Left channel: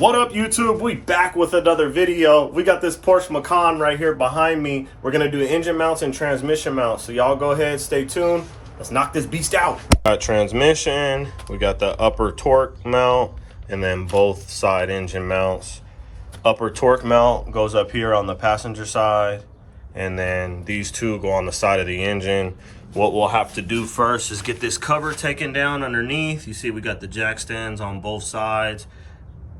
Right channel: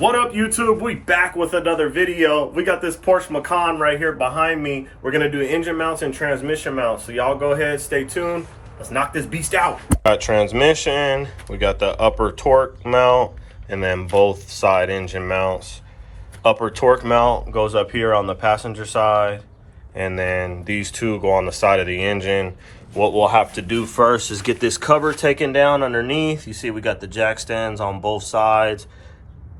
What up, YouTube? We back with another video. We got this Porsche Macan right here behind me. We're gonna do engine mounts and transmission mounts. So y'all go ahead, stay tuned. Let's knock this beast out. Got transmission, we got the upper torque mount, and then both side engine mounts. Upper torque mount goes up here on the passenger side, and then these two go on the side of the engine. What we'll have to do first is get this cover taken down underneath. You see we got the jack stands on both sides.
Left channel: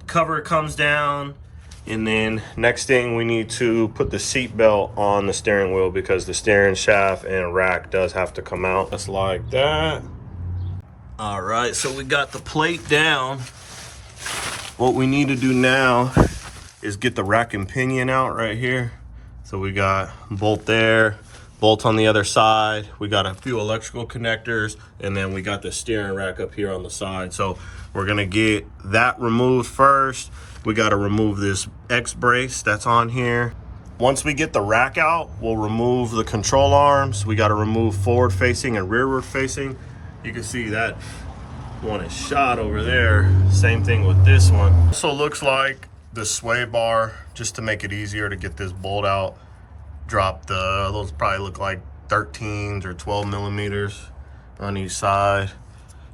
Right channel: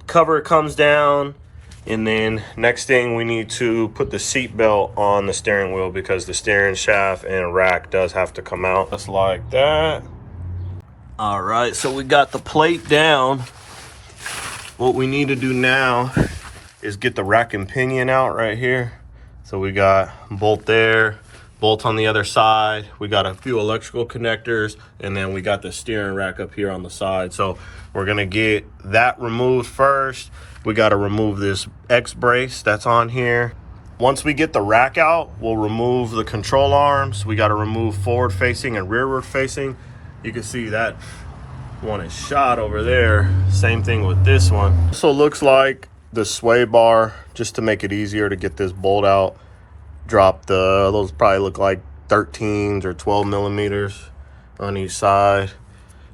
Cover comes down, and then next thing we need to put the seat belt on the steering wheel because the steering shaft and rack does have to come out just like that. All right, so we got the plate down. What we need to do now is get the rack and pinion out right here. So we got bolt there, bolt on the other side. We got a few electrical connectors, and then we got the steering rack up here on the side. So we're gonna get that removed first. We gotta remove this X brace that's on here. Once we get the rack out, we'll remove the control arms. We gotta remove forward facing and rearward facing. You can see that one is shot over there. Same thing with this one. So it looks like the sway bar, just to make it easier to get this bolt out, drop those probably look like 13s or 12 millimeters on each side.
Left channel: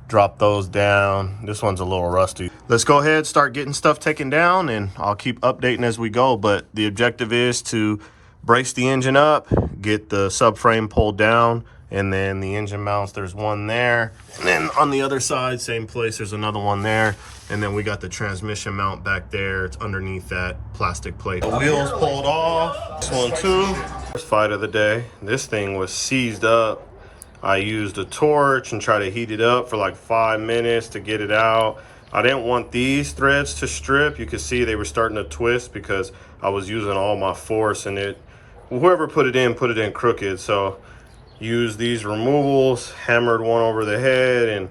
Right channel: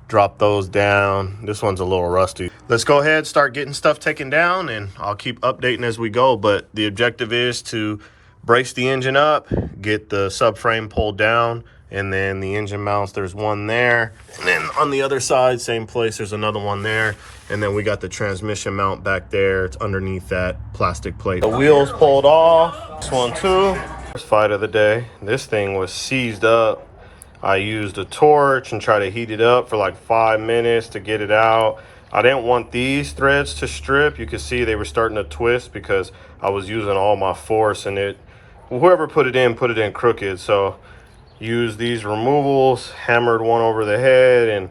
Drop those down. This one's a little rusty. Let's go ahead, start getting stuff taken down, and I'll keep updating as we go. But the objective is to brace the engine up, get the subframe pulled down, and then the engine mounts, there's one there. And then on the other side, same place, there's another one there. And then we got the transmission mount back there. It's underneath that plastic plate. The wheels pulled off. This one too. First fight of the day. This thing was seized up. I used a torch and tried to heat it up for like 5 minutes to get it out. I didn't want these threads to strip. You could see they were starting to twist because I was using all my force, and whoever put it in crooked. So used these removals, hammered one over the head, and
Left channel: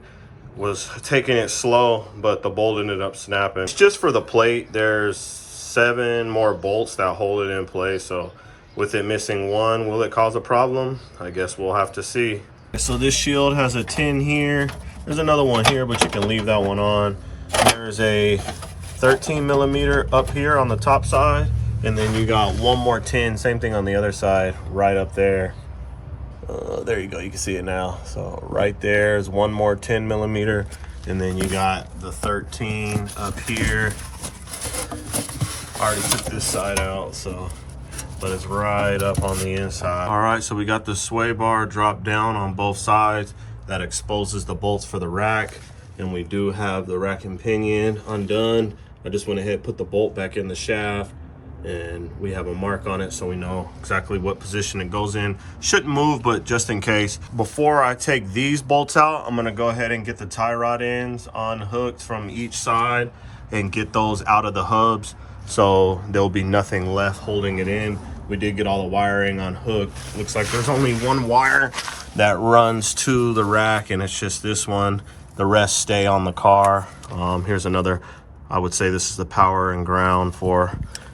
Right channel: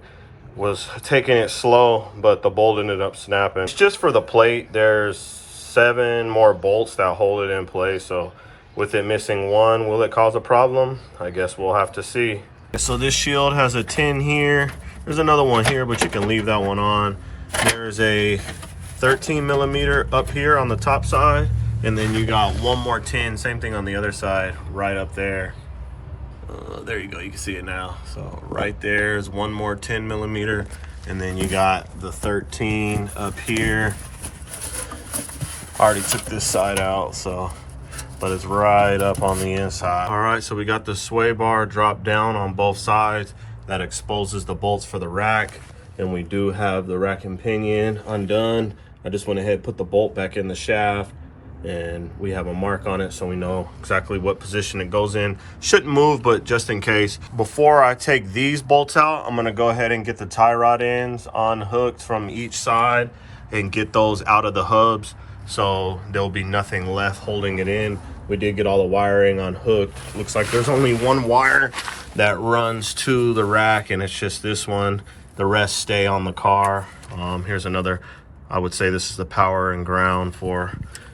was taking it slow, but the bolt ended up snapping. It's just for the plate. There's 7 more bolts that hold it in place. So with it missing one, will it cause a problem? I guess we'll have to see. So this shield has a tin here. There's another one here, but you can leave that one on. There's a 13 millimeter up here on the top side, and then you got one more tin, same thing on the other side, right up there. There you go, you can see it now. So right there's one more 10 millimeter, and then you got the 13 up here. Already took this side out, so but it's right up on the inside. All right, so we got the sway bar dropped down on both sides. That exposes the bolts for the rack, and we do have the rack and pinion undone. I just went ahead and put the bolt back in the shaft, and we have a mark on it so we know exactly what position it goes in. Shouldn't move, but just in case. Before I take these bolts out, I'm gonna go ahead and get the tie rod ends unhooked from each side and get those out of the hubs, so there'll be nothing left holding it in. We did get all the wiring unhooked. Looks like there's only one wire that runs to the rack, and it's just this one. The rest stay on the car. Here's another, I would say this is the power and ground for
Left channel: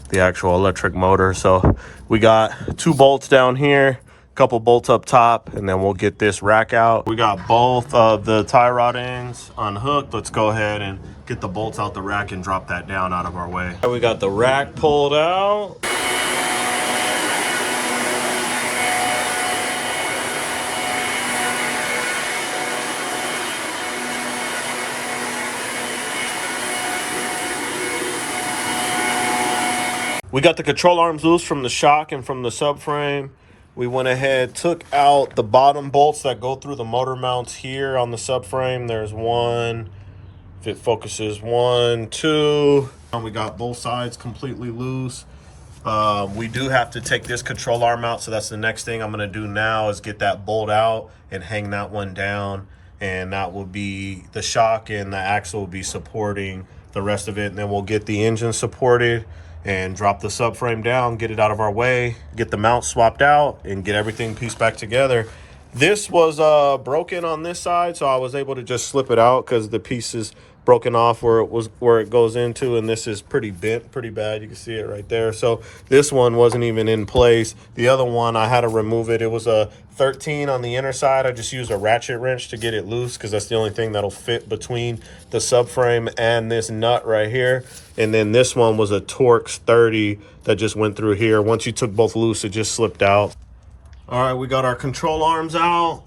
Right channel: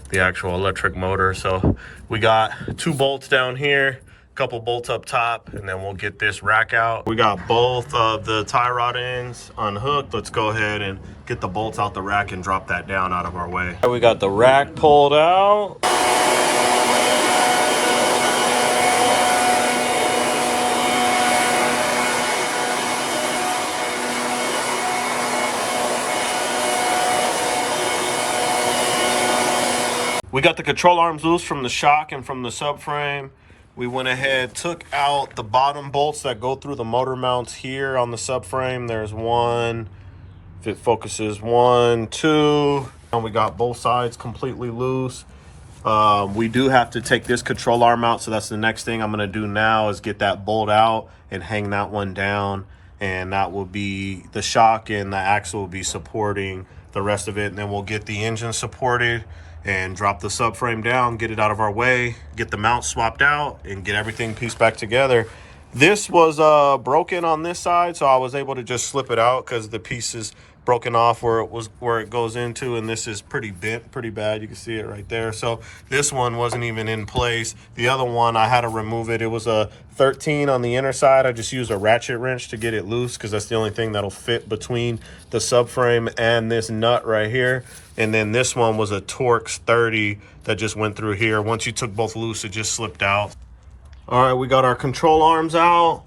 the actual electric motor. So we got 2 bolts down here, a couple bolts up top, and then we'll get this rack out. We got both of the tie rod ends unhooked. Let's go ahead and get the bolts out the rack and drop that down out of our way. We got the rack pulled out. We got the control arms loose from the shock and from the subframe. We went ahead, took out the bottom bolts that go through the motor mounts here on the subframe. There's one, if it focuses, 1, 2. And we got both sides completely loose. We do have to take this control arm out, so that's the next thing I'm gonna do now is get that bolt out and hang that one down. And that will be, the shock and the axle will be supporting the rest of it. And then we'll get the engine supported and drop the subframe down, get it out of our way, get the mount swapped out, and get everything pieced back together. This was broken on this side, so I was able to just slip it out because the pieces broken off where it goes into, and this is pretty bent, pretty bad. You can see it right there. So this one wasn't even in place. The other one, I had to remove it. It was a 13 on the inner side. I just used a ratchet wrench to get it loose because that's the only thing that'll fit between the subframe and this nut right here. And then this one was a Torx 30 that just went through here. Once you took both loose, it just slipped out. All right, we got our control arms out.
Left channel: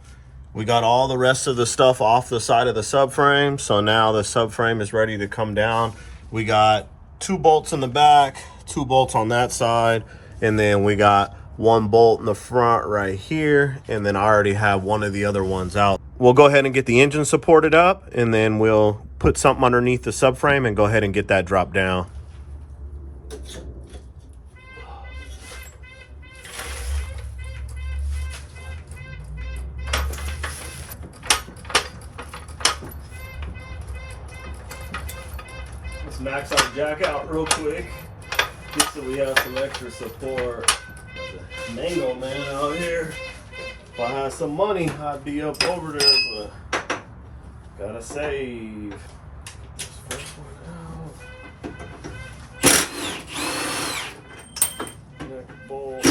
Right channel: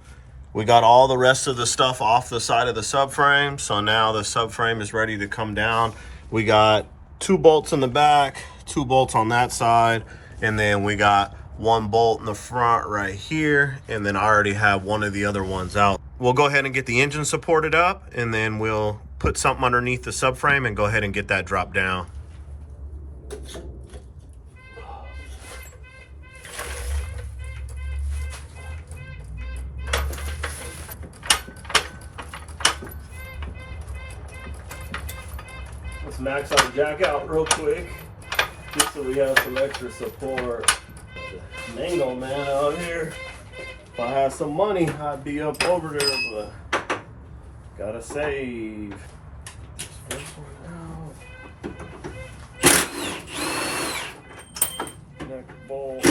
We got all the rest of the stuff off the side of the subframe. So now the subframe is ready to come down. We got 2 bolts in the back, 2 bolts on that side, and then we got 1 bolt in the front right here. And then I already have one of the other ones out. We'll go ahead and get the engine supported up, and then we'll put something underneath the subframe and go ahead and get that dropped down. Let's max our jack out real quick, just so we have some extra support. Mango man out here. If I had some money, I'd be up over there, but gotta save. This first one out. Neck bolt.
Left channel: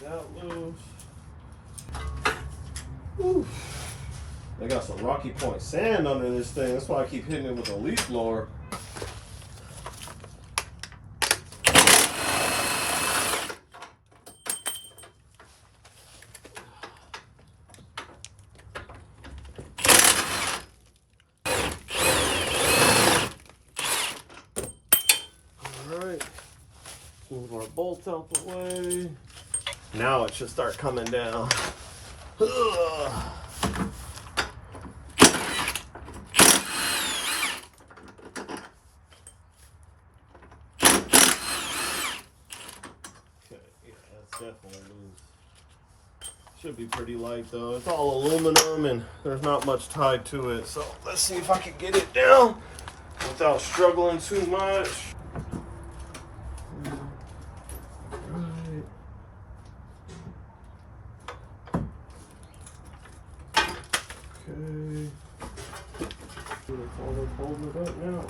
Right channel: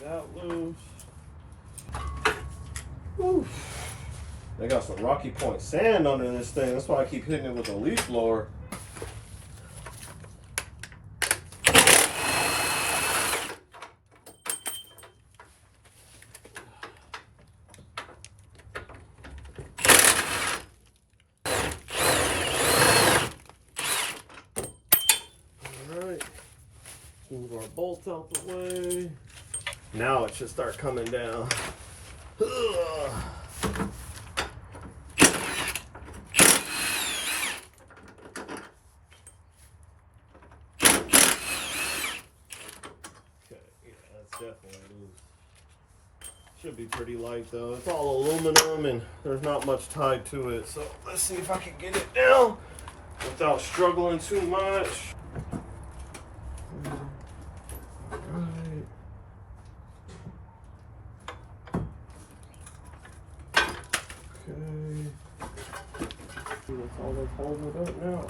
Got loose. Whew. They got some Rocky Point sand under this thing. That's why I keep hitting it with a leaf blower. Alright, move our bolts out the way. Now it should start coming down. Ugh. Definitely loose. Should be pretty light though. It's all aluminum and there's not much tied to it. So let's see if I can get it down without struggling too much. Right. Okay. That's all that's holding it up now.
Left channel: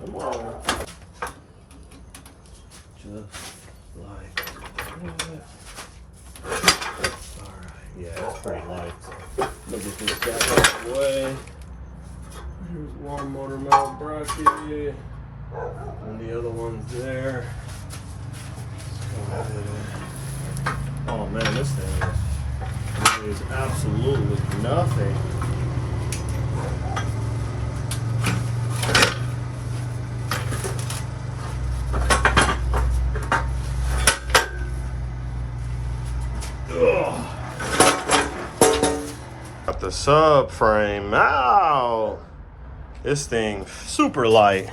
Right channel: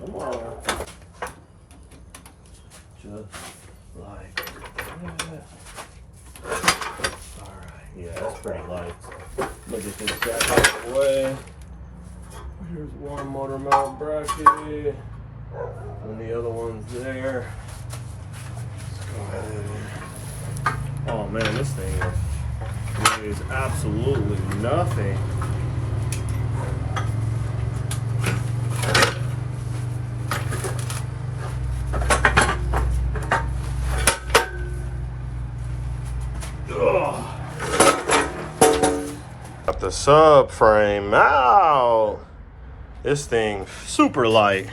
Come on. Just like that. All right, yeah, that's pretty light. Look at this jack out of the way. Here's one motor mount bracket, and the other one's there. Let's go ahead. Oh man, this thing is absolutely nothing. Got the subframe out. This thing super light,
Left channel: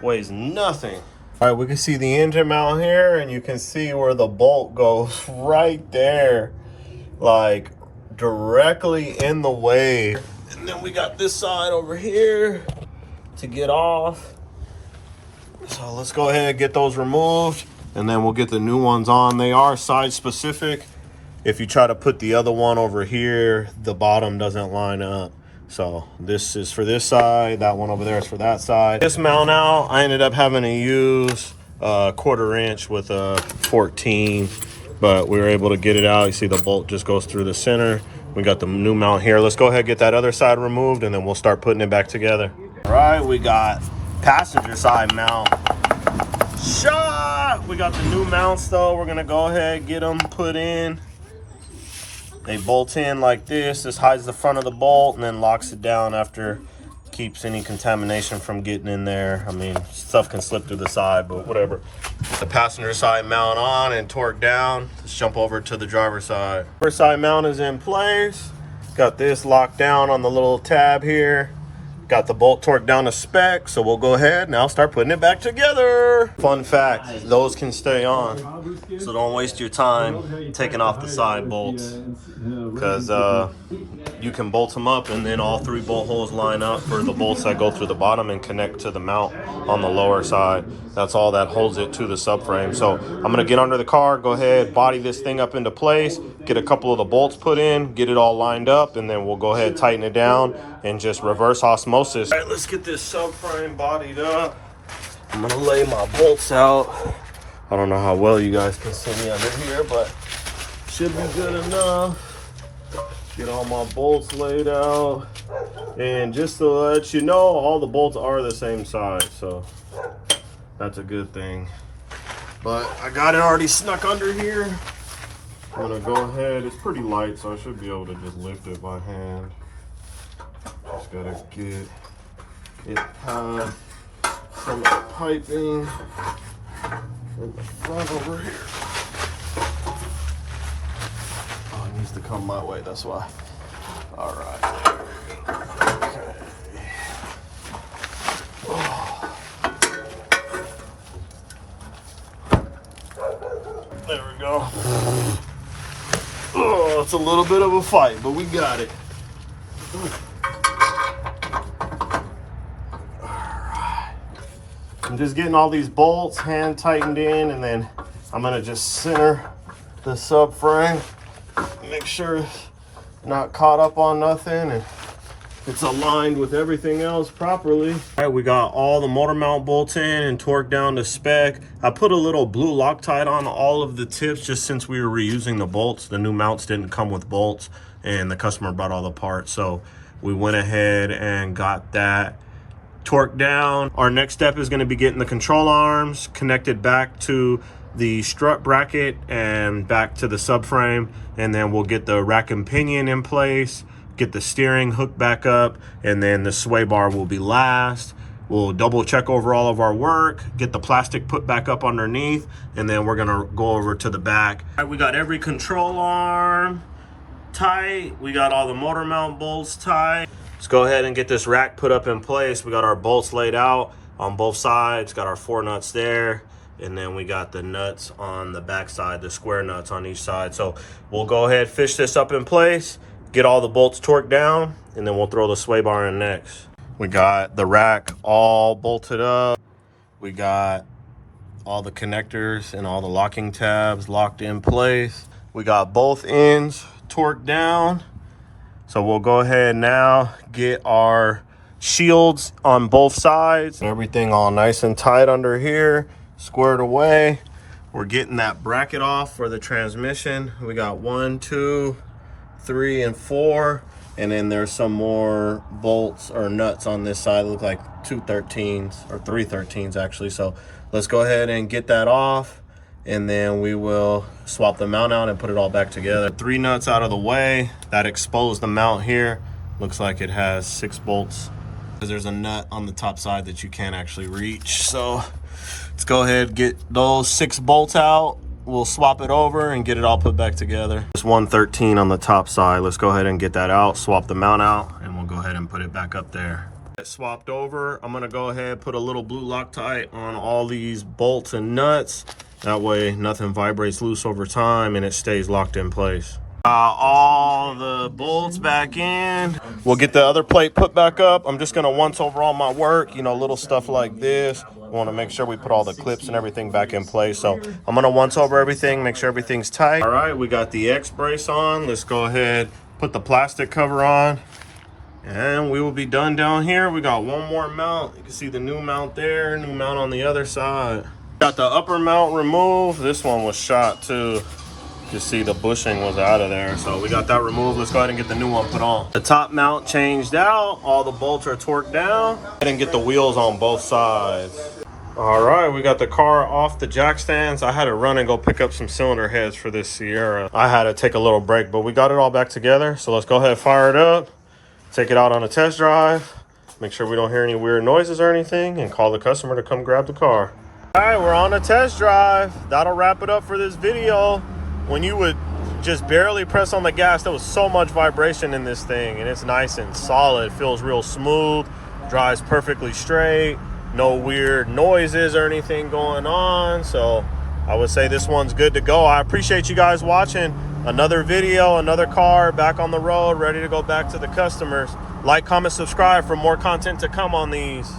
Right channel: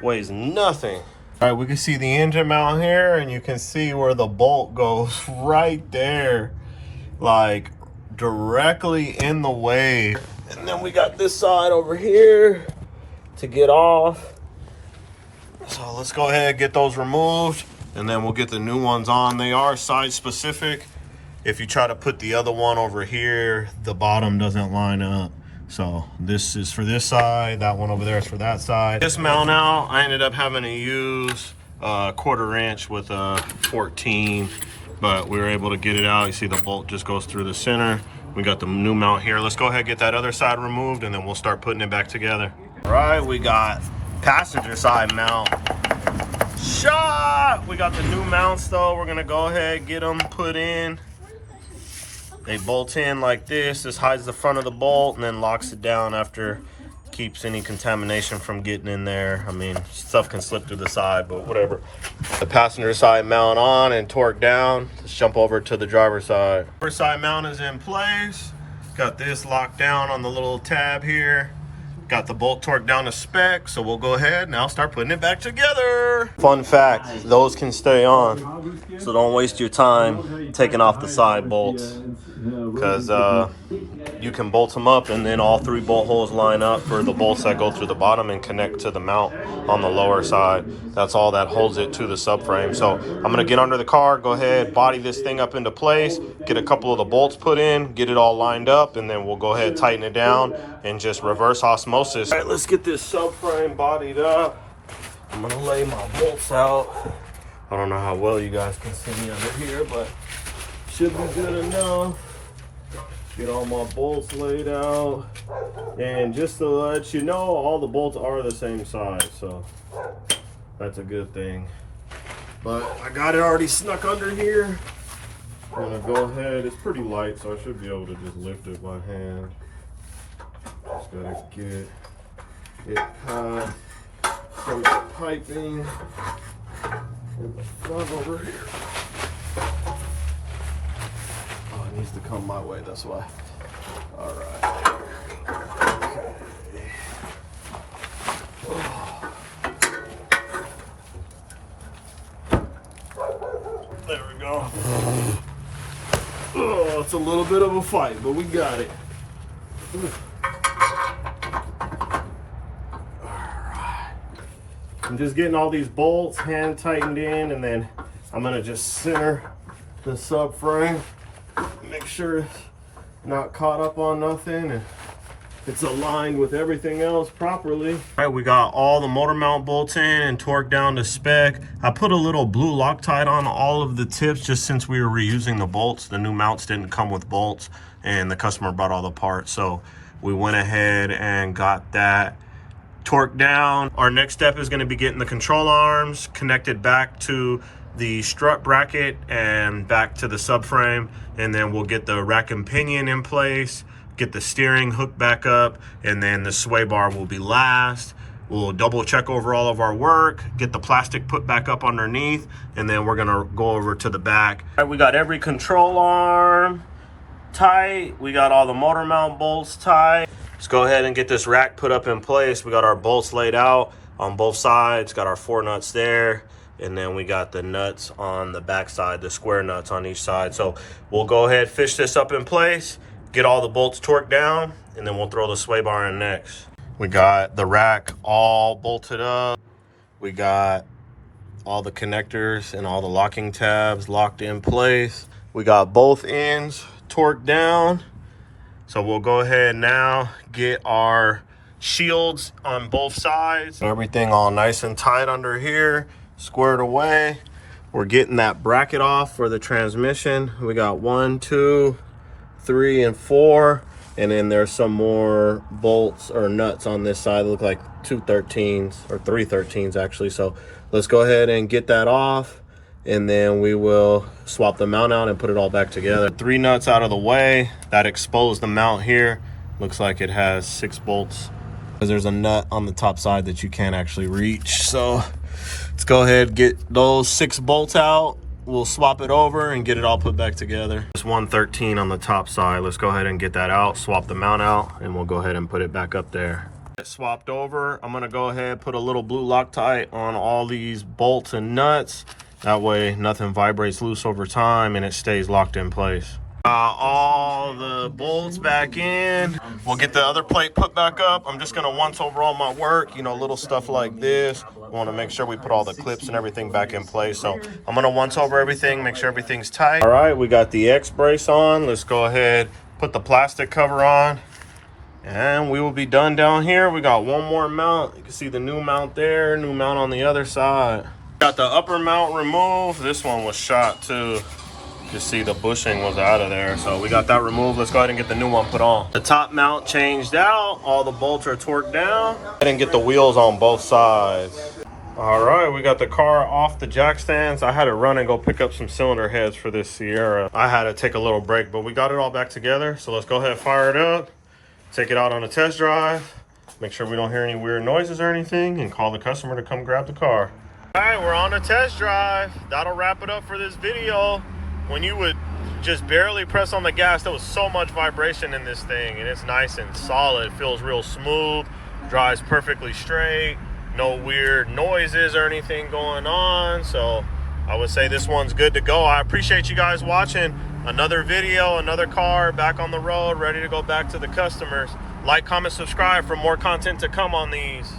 weighs nothing. All right, we can see the engine mount here, and you can see where the bolt goes right there, like directly in the way. And then we got this side over here to get off. So let's go ahead and get those removed, and then we'll get the new ones on. They are size specific. If you try to put the other one over here, the bottom doesn't line up. So this is for this side, that one over there is for that side. This mount out, I ended up having to use a 1/4 inch with a 14, but we were able to get it out. You see the bolt just goes through the center. We got the new mount here. Let's go ahead and get that other side removed, and then we'll start putting it back together. All right, we got passenger side mount. Shot! We got the new mounts though. We're gonna go ahead and get them put in. They bolt in like this. This hides the front of the bolt and then locks it down after, keeps any contamination from getting in there. I mean, stuff can slip to the side, but whatever. The passenger side mount on and torque down. Let's jump over to the driver's side. Driver's side mount is in place. Got this locked down on the little tab here. Got the bolt torqued down to spec, so we'll go ahead now start putting it back together. Fun fact, those can stay on, so don't waste your time taking off the side bolts. because you can bolt them up and then all 3 bolt holes line up for the bolts that go through the bottom and connect to the mount on the lower side. That's all that holds it to the subframe. So I'm going to get under the car, go ahead, body this thing up into place, get a couple of the bolts put in, get it all lined up, and then we'll go ahead, tighten it down, and just reverse osmosis. All right, let's get this subframe bodied up. I'm going to lay my bolts out. I don't know how well you guys can see me under here, but should be good enough. Get all my bolts laid out. And just to let you know, all the bolts are the same size, so that's a good thing. But I got it already snuck under here. I'm gonna go ahead, it's pretty light, so I should be able to just lift it by hand. Just gotta get it past some of the piping in the front over here. Oh, it needs to come my way, that's why. All right. There we go. Oh, it's a little bit of a fight, but we got it. Alright. I'm just getting all these bolts hand tightened in, and then I'm gonna just center the subframe. Make sure it's not caught up on nothing and it's aligned with everything else properly. All right, we got all the motor mount bolts in and torqued down to spec. I put a little blue Loctite on all of the tips just since we were reusing the bolts. The new mounts didn't come with bolts and the customer brought all the parts. So we went ahead and got that torqued down. Our next step is gonna be getting the control arms connected back to the strut bracket and back to the subframe. And then we'll get the rack and pinion in place, get the steering hooked back up, and then the sway bar will be last. We'll double check over all of our work, get the plastic put back up underneath, and then we're gonna go over to the back. All right, we got every control arm tight. We got all the motor mount bolts tight. Let's go ahead and get this rack put up in place. We got our bolts laid out on both sides, got our 4 nuts there. And then we got the nuts on the back side, the square nuts on each side. So we'll go ahead, fish this up in place, get all the bolts torqued down, and then we'll throw the sway bar in next. We got the rack all bolted up. We got all the connectors and all the locking tabs locked in place. We got both ends torqued down. So we'll go ahead now, get our shields on both sides. Everything all nice and tight under here, squared away. We're getting that bracket off for the transmission. We got 1, 2, 3, and 4. And then there's some more bolts or nuts on this side. Look like 2 13s or 3 13s actually. So let's go ahead and get that off. And then we will swap the mount out and put it all back together. 3 nuts out of the way. That exposed the mount here. Looks like it has 6 bolts. There's a nut on the top side that you can't actually reach. So let's go ahead and get those 6 bolts out. We'll swap it over and get it all put back together. There's 1 13 on the top side. Let's go ahead and get that out, swap the mount out, and we'll go ahead and put it back up there. It swapped over. I'm gonna go ahead, put a little blue Loctite on all these bolts and nuts. That way nothing vibrates loose over time and it stays locked in place. All the bolts back in. We'll get the other plate put back up. I'm just gonna once over all my work, you know, little stuff like this. I wanna make sure we put all the clips and everything back in place. So I'm gonna once over everything, make sure everything's tight. All right, we got the X brace on. Let's go ahead, put the plastic cover on, and we will be done down here. We got 1 more mount. You can see the new mount there, new mount on the other side. Got the upper mount removed. This one was shot too. You see the bushing was out of there, so we got that removed. Let's go ahead and get the new one put on. The top mount changed out. All the bolts are torqued down. I didn't get the wheels on both sides. All right, we got the car off the jack stands. I had to run and go pick up some cylinder heads for this Sierra. I had to take a little break, but we got it all back together. So let's go ahead and fire it up, take it out on a test drive, make sure we don't hear any weird noises or anything, and call the customer to come grab the car. All right, we're on a test drive. That'll wrap it up for this video. When you would just barely press on the gas, there was so much vibration in this thing, and it's nice and solid. It feels real smooth, drives perfectly straight, no weird noises or anything going on. So I would say this one's good to go. I appreciate you guys watching. Another video, another car back on the road, ready to go back to the customers. Like, comment, subscribe for more content to come on these.